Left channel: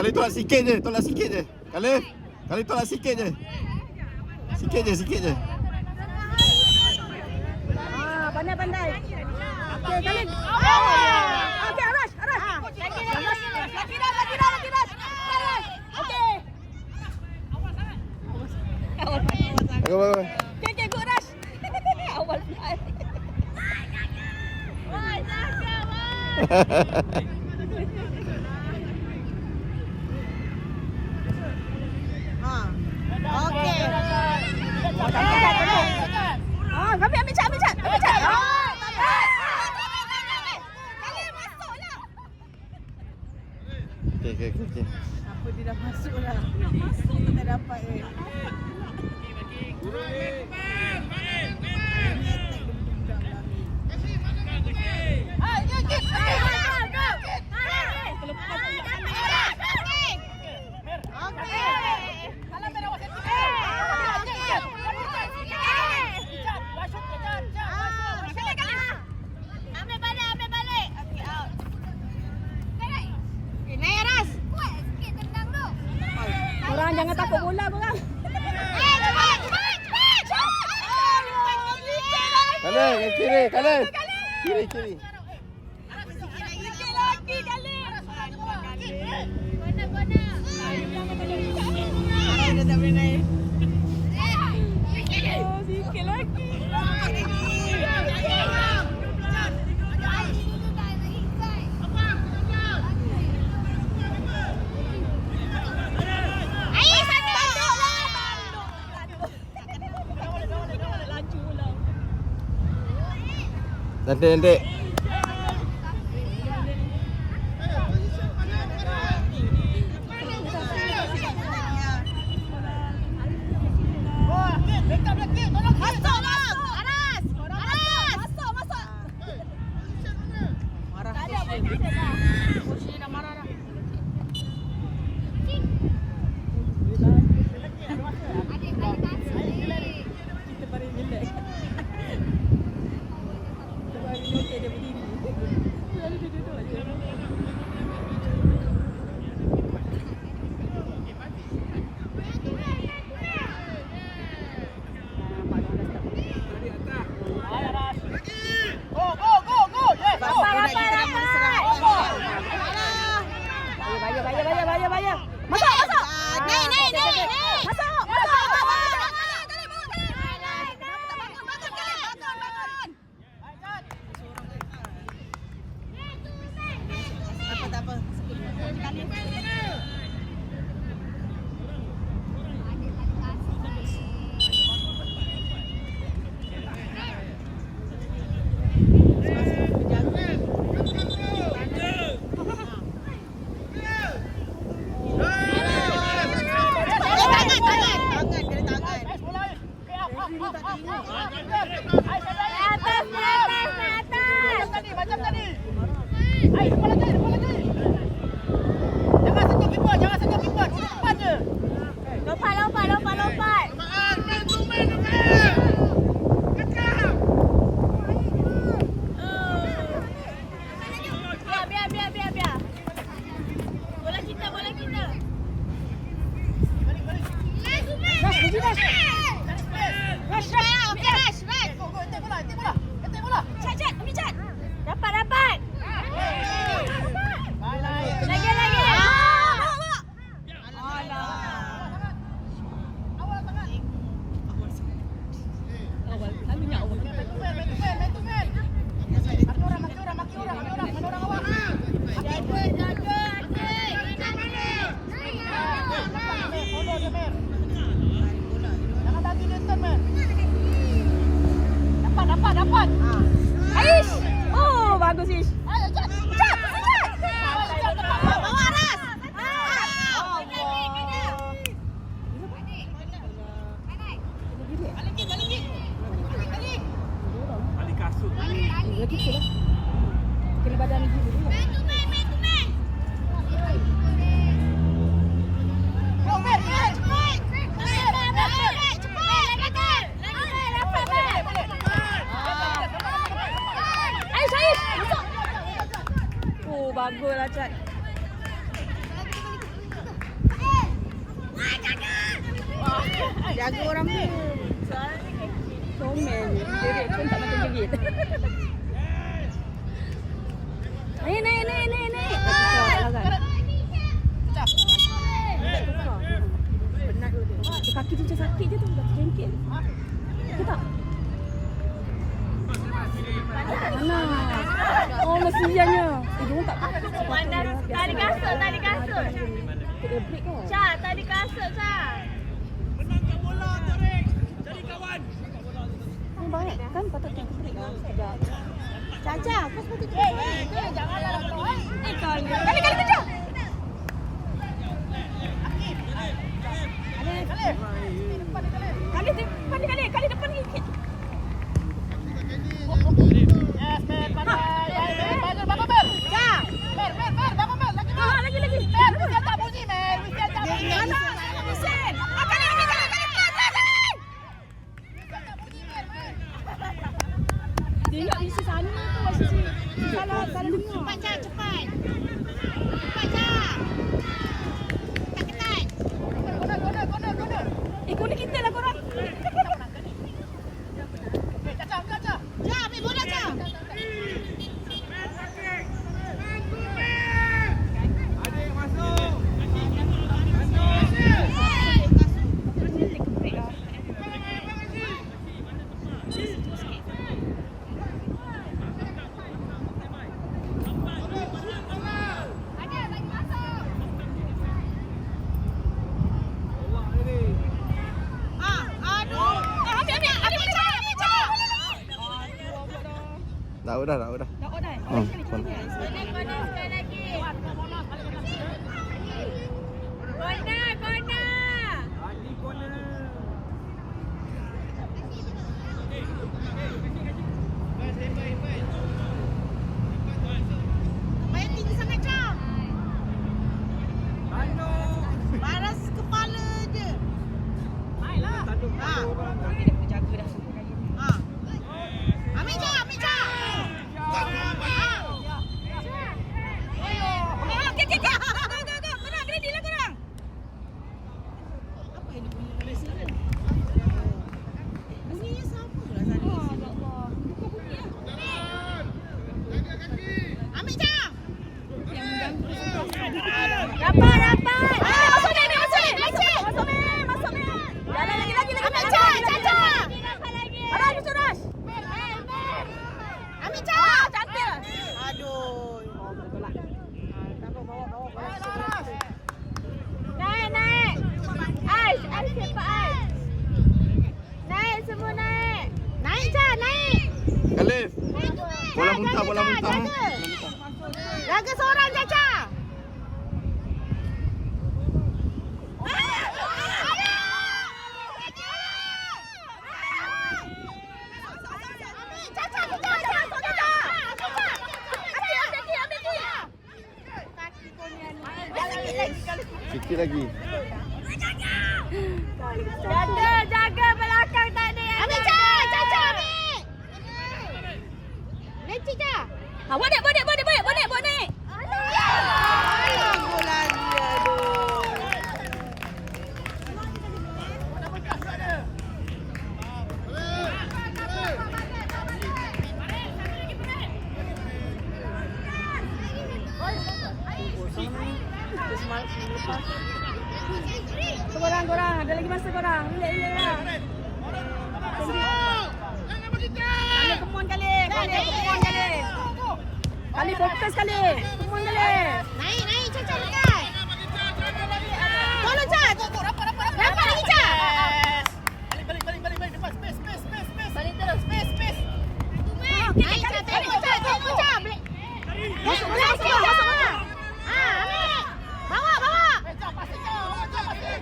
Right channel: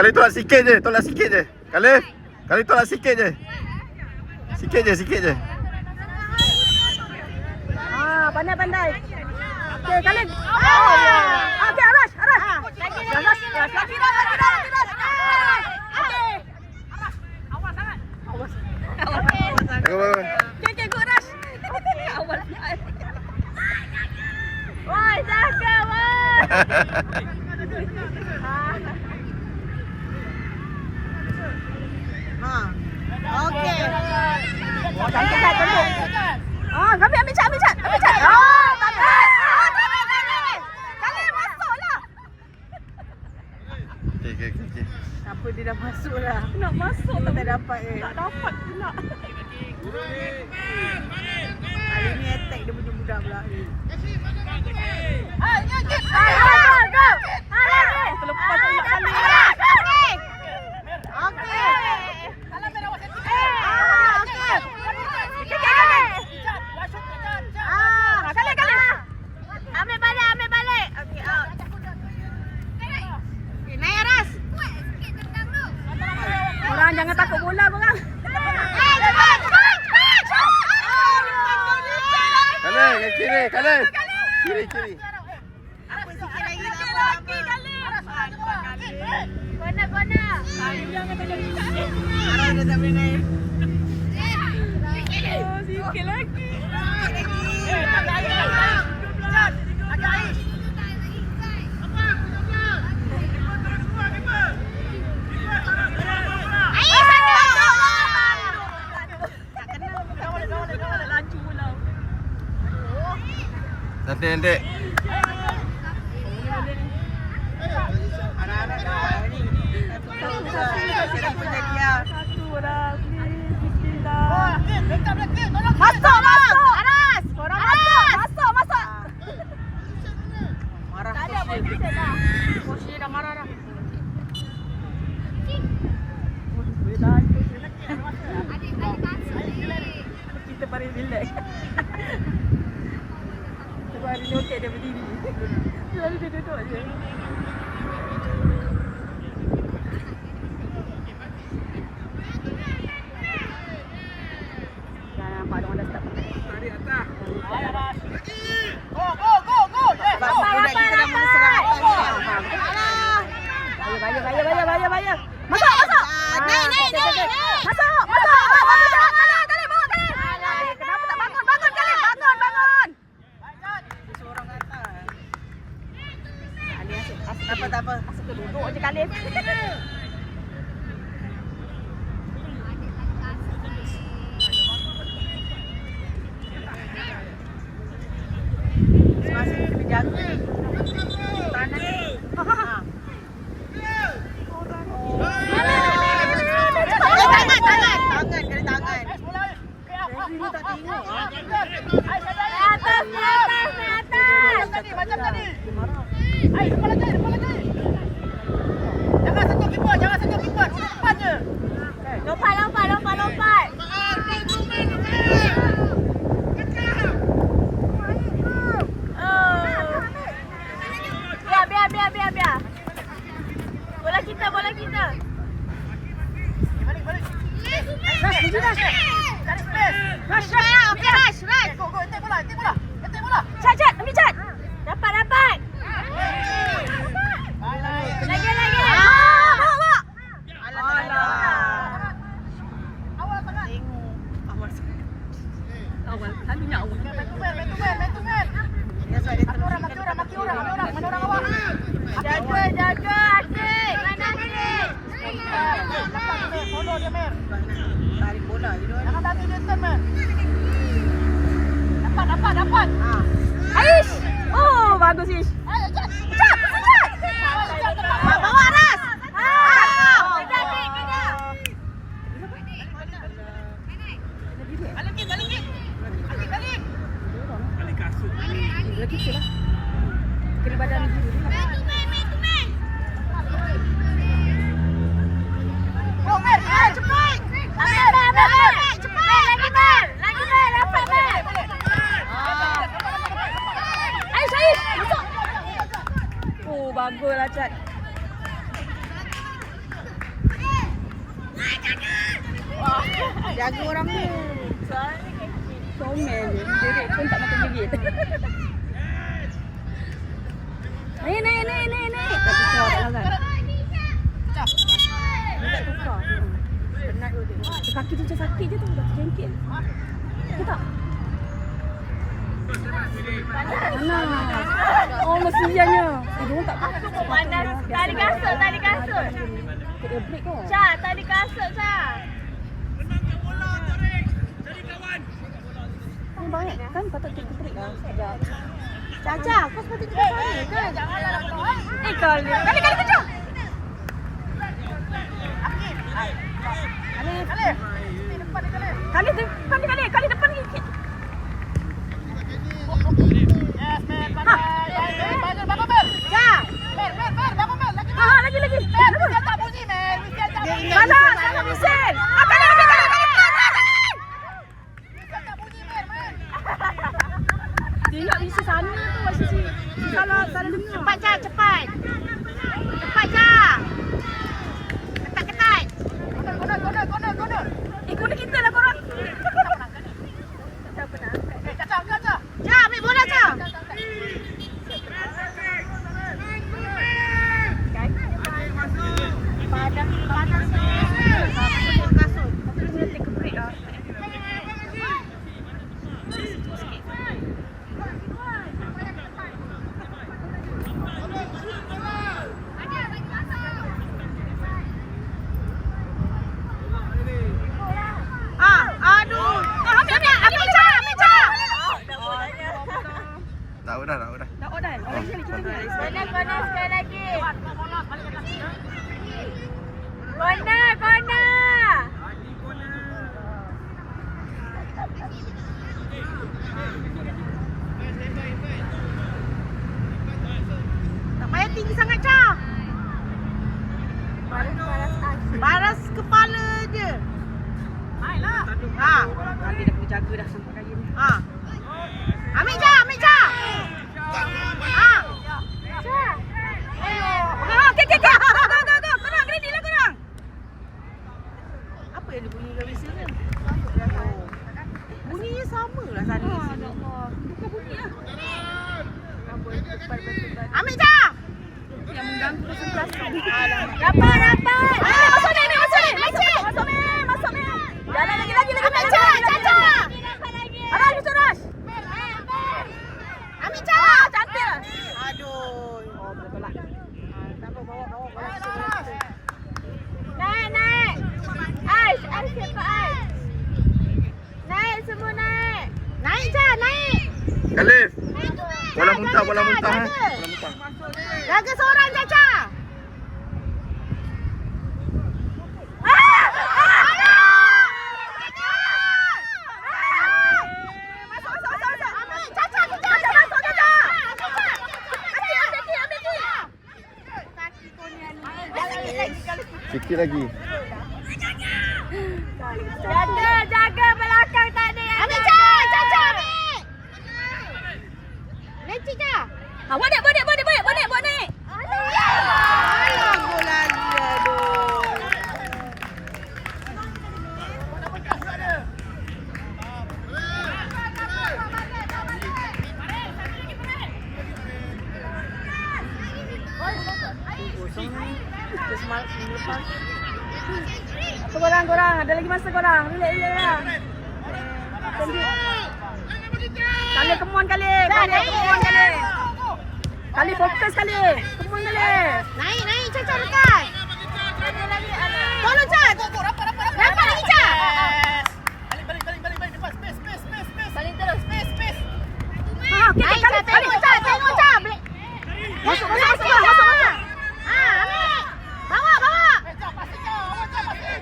Kali tolak sikit je, tolak sikit je. Kali tolak sikit je. Sikit je. Pandai. Okey, Khalid. Okey, Arash. Lagi dah. Okey. Awas. Okey, good Arash. Awal fly. Woi, jaga woi. Okey. Apa dia dah masuk lah. Nak masuk tak dapat Tak dapat pula. Ini attack dia budak-budak pula. Go. Terlepas pula kali. Jangan takut bola korang. Kanan, kiri. Kiri. Apa sikit lagi kali. Kona. Jangan tolong. Arah dah tak mengai. Sikit lagi. Nanti. Masuk. Aras. Masuk. Marah. Koshi dah marah dah. Kita paling relax. Okey, dia berdiri. Dia duduk je. Tak apa. Duduk je kali. Semasa kita jaga. Awal, selalunya awal. Jaga adik. Mana adik? Tarik bola je dia. Jangan tak dia man. Dapat. Aish. Oh, bagus Ish. Jap. Bawa Aras. Lagi ke lah. Kiri badan. Main. Go, Mer. Cepat. Cepat. Lagi, dapat, Mer. Aish. Masuk. Oh, bagus lah, Cat. jaga orang tu. Comel ni. Jerit pun tak makan jerit. Naik. Pecah. Tak tukar. Penat tu dia. Kaki tu macam sakit je tu. Jengkit. Kita tak? Mana? Oh, mestiannya. Dia tak apa. Mana tali kasut. Dia break ke? Cak, tali kasut, Cak. Kan baik kan patut kita break lah. Caca, kau sepatutnya kita balik kan? Kali kejap. Kali depan sikit. Dia nak isi sana tu, isi. Salah dengar. Cepat. Cepat, Cak. Ketat. Kona kita lah korang. Cak, ambil bola, Cak. Panas ni. Kasut. Kita kena take a break lah. Dah. Dah on dah. Lagi kita ni. Kona sekali lagi. Kona. Tak payah tinggi sangat, Cak. Paras kepala je. Nanti dah boleh jaga dah sampai kaya ni. Ambil, Cak. Okey. Go. Korang, ready lah korang. Apa yang dia bunyi dalam mesin ni? Bunyinya sama lah tadi. Ya Allah. Bukan bunyi lah. Ambil, Cak. Yang mengganggu konsentrasi. Rapat. Masuk ni. Masuk ni. Lagi. Ambil, Cak. Rush. Ambil, Cak. Cantik. Naik. Ais cepat Ais. Naik semua naik. Naik, Cak, naik. Khalif. Bola muntah. Bola muntah. Jaga seorang, Caca. Sikit lagi. Jaga belakang tak ada yang ambil, Caca, ambil. Lecik, Cak. Buat naik. Korang, ada lagi masa korang. Relax lah. Kali kemuan kali. Kali fokus kali. Kemuan kali. Naik, Caca, dekat. Tolong, Cak. Rapat lagi, Cak. Balik. Depan, space. Balik terus, space. Okey, kali. Tengok, Cak. Masuk. Ambil. Bawa.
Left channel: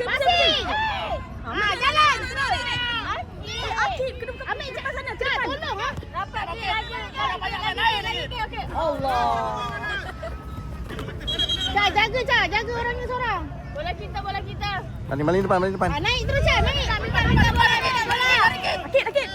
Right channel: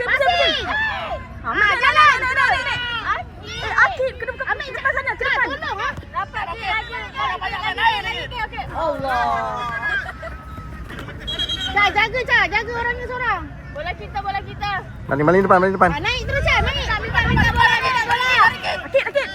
Masih. Jalan. Akif, kena ambil cepat sana. Cepat. Tolong. Rapat lagi. Okey. Allah. Cak, jaga orangnya seorang. Bola kita. Maling depan. Naik terus, Cak. Naik. Ambil bola. Akif.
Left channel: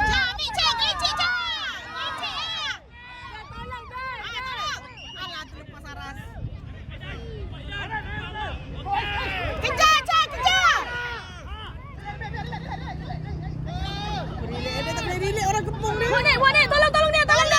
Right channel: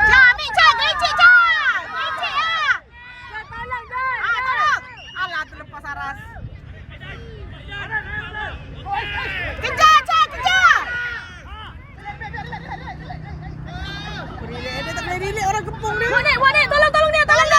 Cak, ambil Cak. Gelecek Cak. Gelecek lah. Tolong Cak. Tolong. Alah, terlepas aras. Kejar Cak, kejar. Dia tak boleh relate orang kepung ni. Wadik, tolong dia. Tolong dia.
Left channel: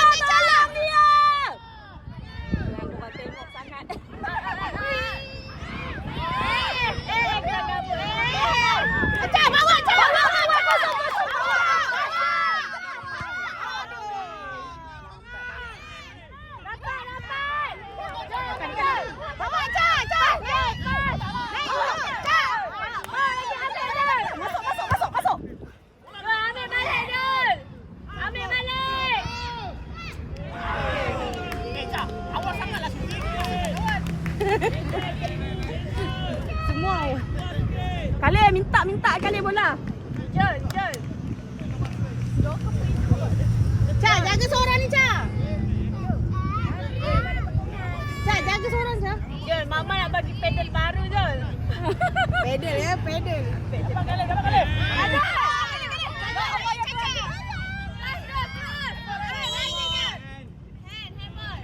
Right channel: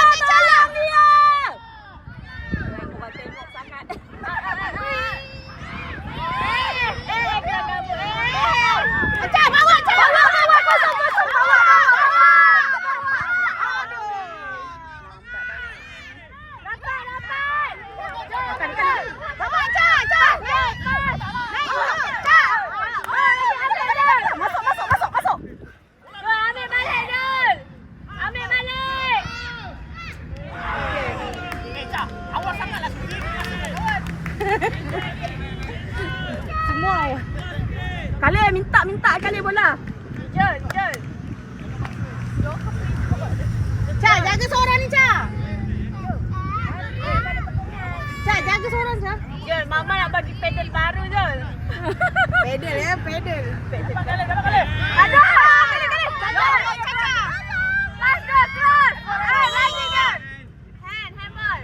Semua. Kale minta kale bola. Jel. Cak, jaga seorang ni Cak. Cak, jaga seorang Cak. Jel, Mama nak bagi pedal baru Jel. Pedal ya, pedal. Aduh, kali. Cak. Cross. Lagi Jel. Handball.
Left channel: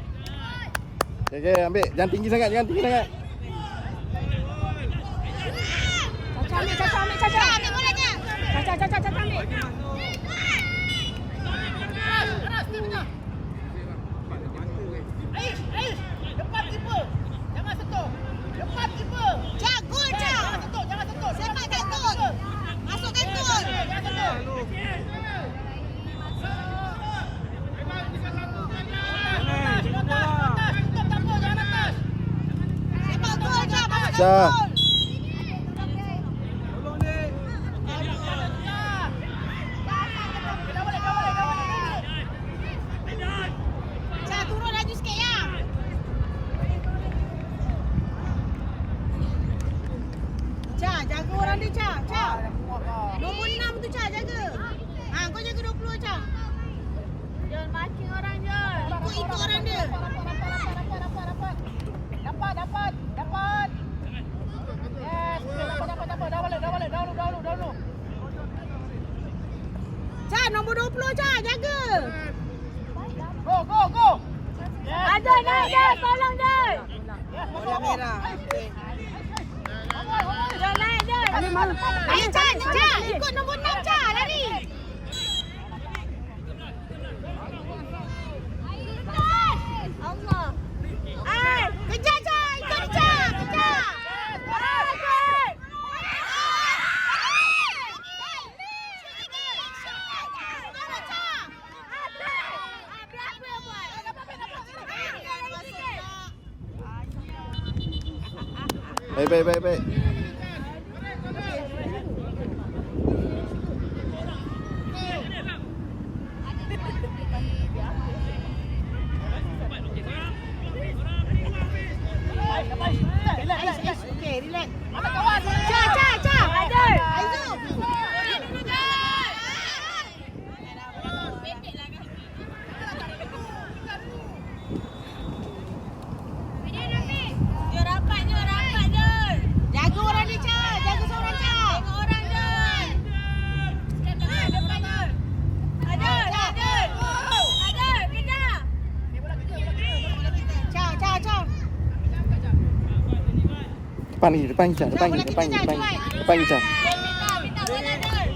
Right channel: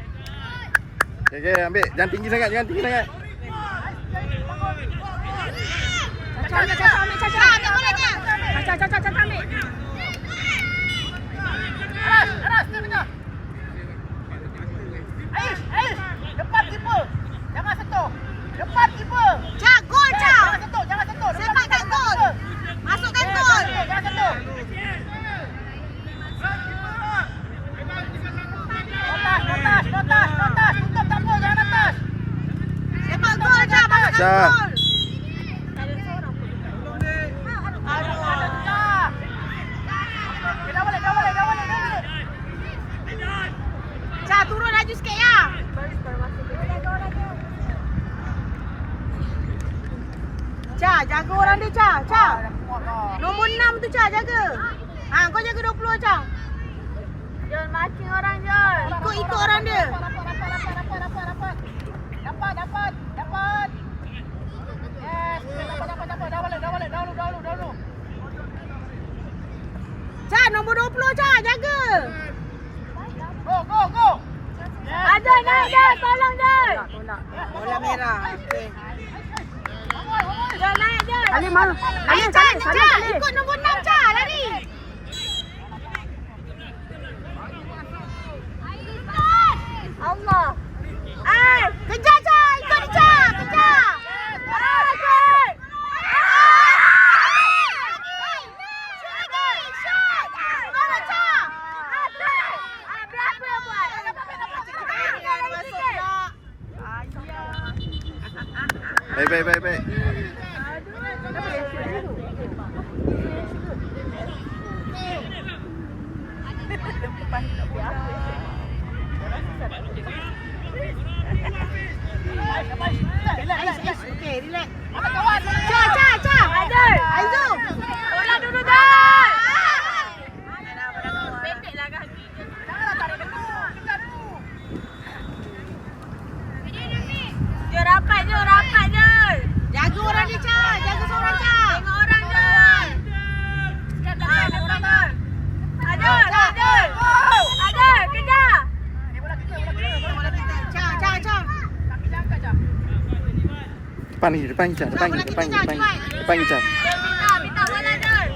Okay, ambil. Jangan tinggi sangat. Caca ambil bolanya. Caca ambil. Cak, gol Cak. Sepak kat gol. Masukkan gol. Sepak gol Cak, masukkan Cak. gol. Cak, turun laju sikit ya. Cak, jaga orang dia Cak. Nombor 6 tu Cak, jaga. Kau jaga 20 Cak. Jangan marking orang Jol. Ikut orang dia. Cak, nombor 20 Cak, jaga. Go. Ada naik Jol, tolong Jol. Bola merah. Jol naik Jol. Kale malu. Cak, ikut nombor 6 Cak, lari. Allah. Kejar Cak, ikut Cak, kejar. Baik. Jaga orang ni Cak, jaga seorang Cak. Tengok orang Jol. Depan Jol. Ada, kejar. Cak. Depan ni, Cak. Depan ni, Cak. Minta bola Jol.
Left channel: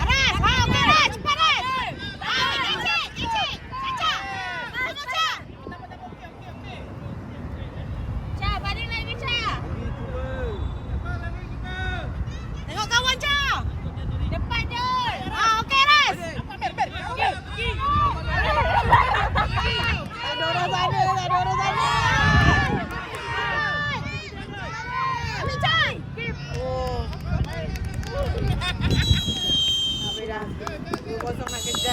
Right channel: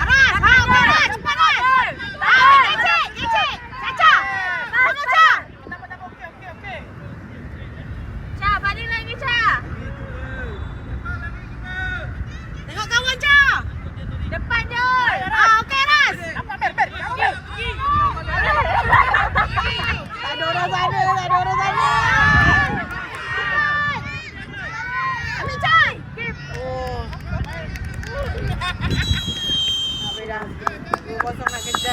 Aras, cepat Aras. Lecek. Cak. Bangun Cak. Cak, baling lagi Cak. Tengok kawan Cak. Depan Jol. Okey Aras. Ada orang sana. Ambil Cak. Habis dah. 2-0 nak kena.